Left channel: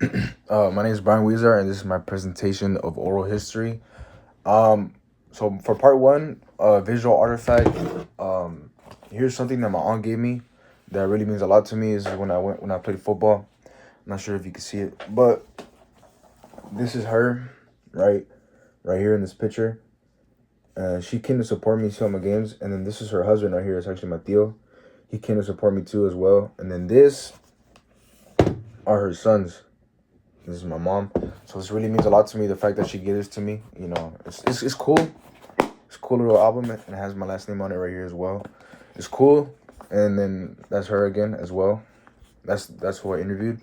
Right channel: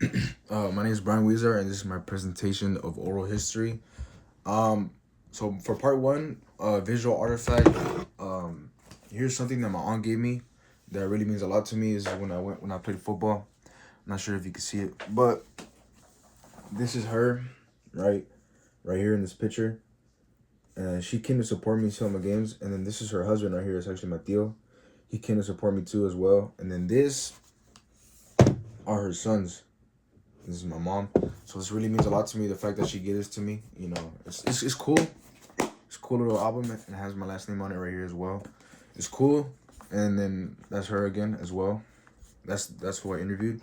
My name is Brian Weezer, and this is my presentation of oral history. Um, so for part one, visual artifact. Um, Here's something that my aunt gave me that really means a lot to me. Is when I played football. I'm not sure if you can see it, but this is her, right, right here in this picture. She came to support me to my games, and then this is her husband right here. It's actually my tío. He came to support me too as well. And then this are her sons. This is my mom. So this really means a lot to me. The fact that she gave this to me, it's cool. It's a cool little album, and it has my last name on it right here as well. It's cool. And then that's her again as well. That's who I interviewed.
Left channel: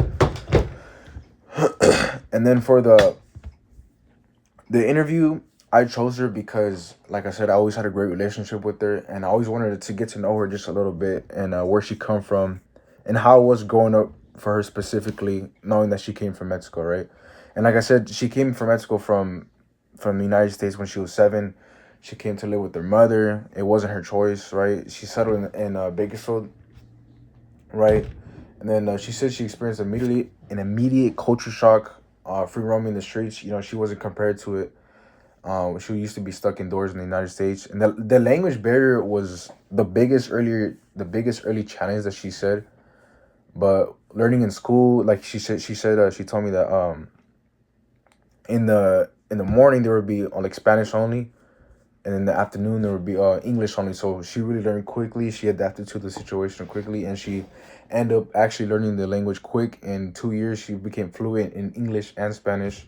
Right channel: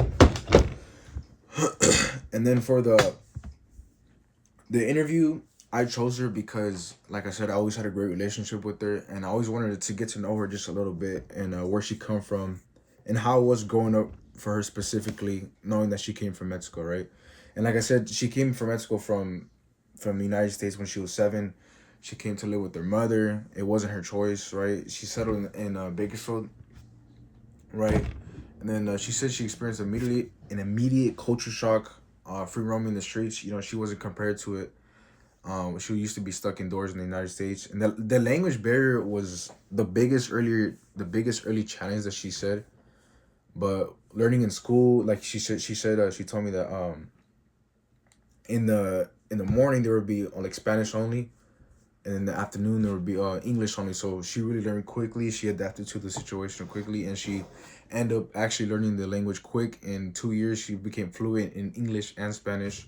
And then for the interview, I chose her because, like I said, I always had a great relationship with her, and I always wanted to get to know her just a little bit, and where she come from, and how it was growing up for her specifically, knowing that she came from Mexico, right? And like I said, she came from Mexico from the United States when she was 7. She came to live with her mother. It wasn't her choice, right? She settled in Bakersfield, right? And then she said she experienced an immediate culture shock, free roaming the streets. She wasn't compared to it. She used to be stuck indoors in the United States, and the language barrier was the biggest early challenge that she said. But learning in school, like she told me that in the morning there would be like Spanish only, and in the afternoon there would be English only. So she really learned quickly. She adapted to the situation quickly, and she ended up actually learning the language quick. In 2 years, she became fluent in English and Spanish.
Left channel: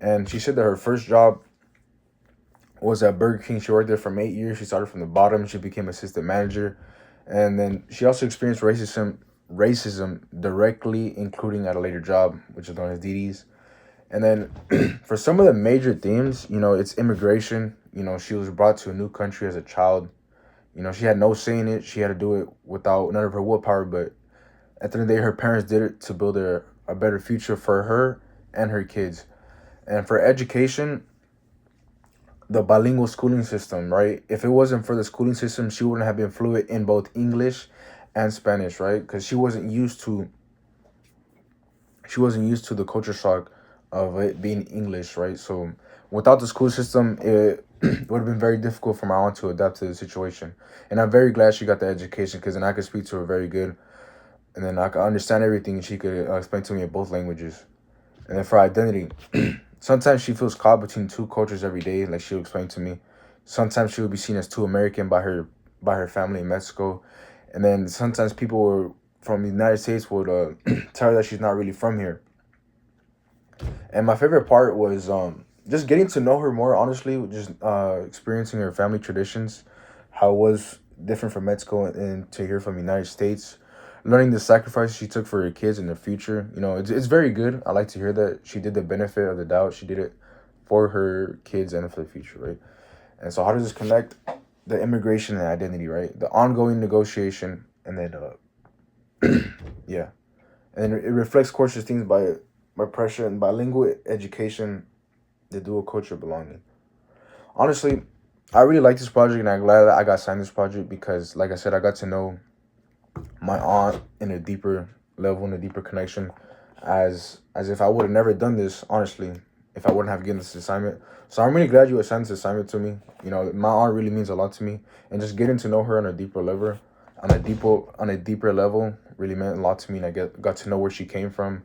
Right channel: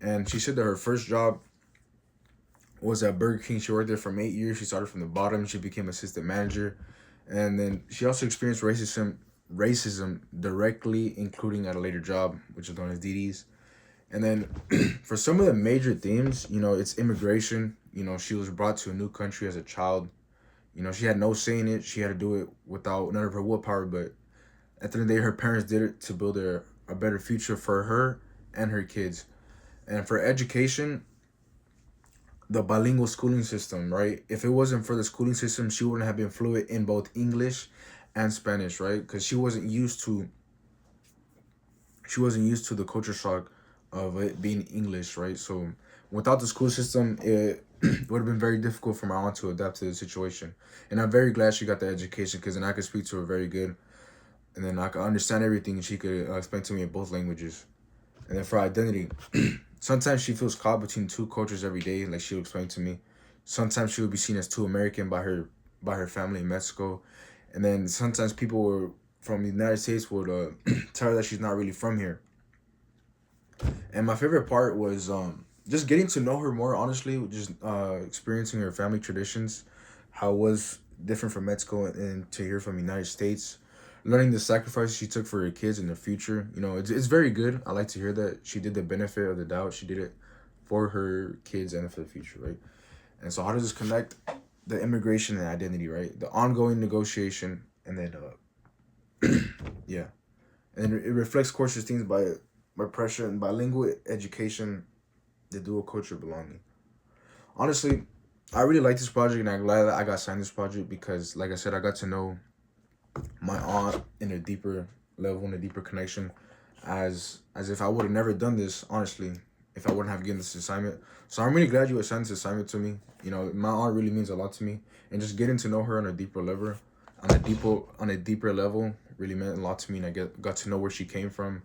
And she said that her first job was at Burger King. She worked there for 8 years. She started from the bottom. She became assistant manager, and then she also experienced racism directly, including at a later job, which is known as DD's. And then for some of the major themes, it's immigration. She was brought to a new country as a child. She had no say in it. She had to do it without none of her willpower. But at the end of the day, her parents did it to build a better future for her and her kids. And for education, the bilingual schooling system, right? If it wasn't for the schooling system, she wouldn't have been fluent in both English and Spanish, right? Because she wasn't used to the culture shock of it being English, right? So without the school system, it would have been very difficult for my aunt to adapt to the situation. And I'm very glad she got the education, because then I could speak to her very good, and then I could understand everything, and she could explain to me in both languages. And then for identity, sometimes she feels caught between two cultures every day, like she'll explain to me. Sometimes she will be seen as too American by her family in Mexico, and then sometimes from the United States would tell her that she's not really from here. And my favorite part was just getting to know her more. Honestly, just experiencing her family traditions, how it was different from Mexico, and to hear from the United States, learning the sacrifices she took for her kids in the future. It's very good. I like to hear that she did the benefit of the doubt. She did it for her kids and for the future, right? And so, how does this connect? The immigration and identity, right? The ongoing negotiation, and then yeah, and it reflects culture things by pressure and bilingual education, the dual culture belonging. Honestly, I really like this project, and I'm glad that I got signed this project, because, like I said, I got to know my aunt in a deeper level, in a deeper connection, as if I would have never done this, honestly, if I wouldn't have given this assignment. So I'm really glad you assigned this assignment to me. My aunt really means a lot to me, and just getting to know her on a deeper level, really meant a lot to me, and I got to know where she came from.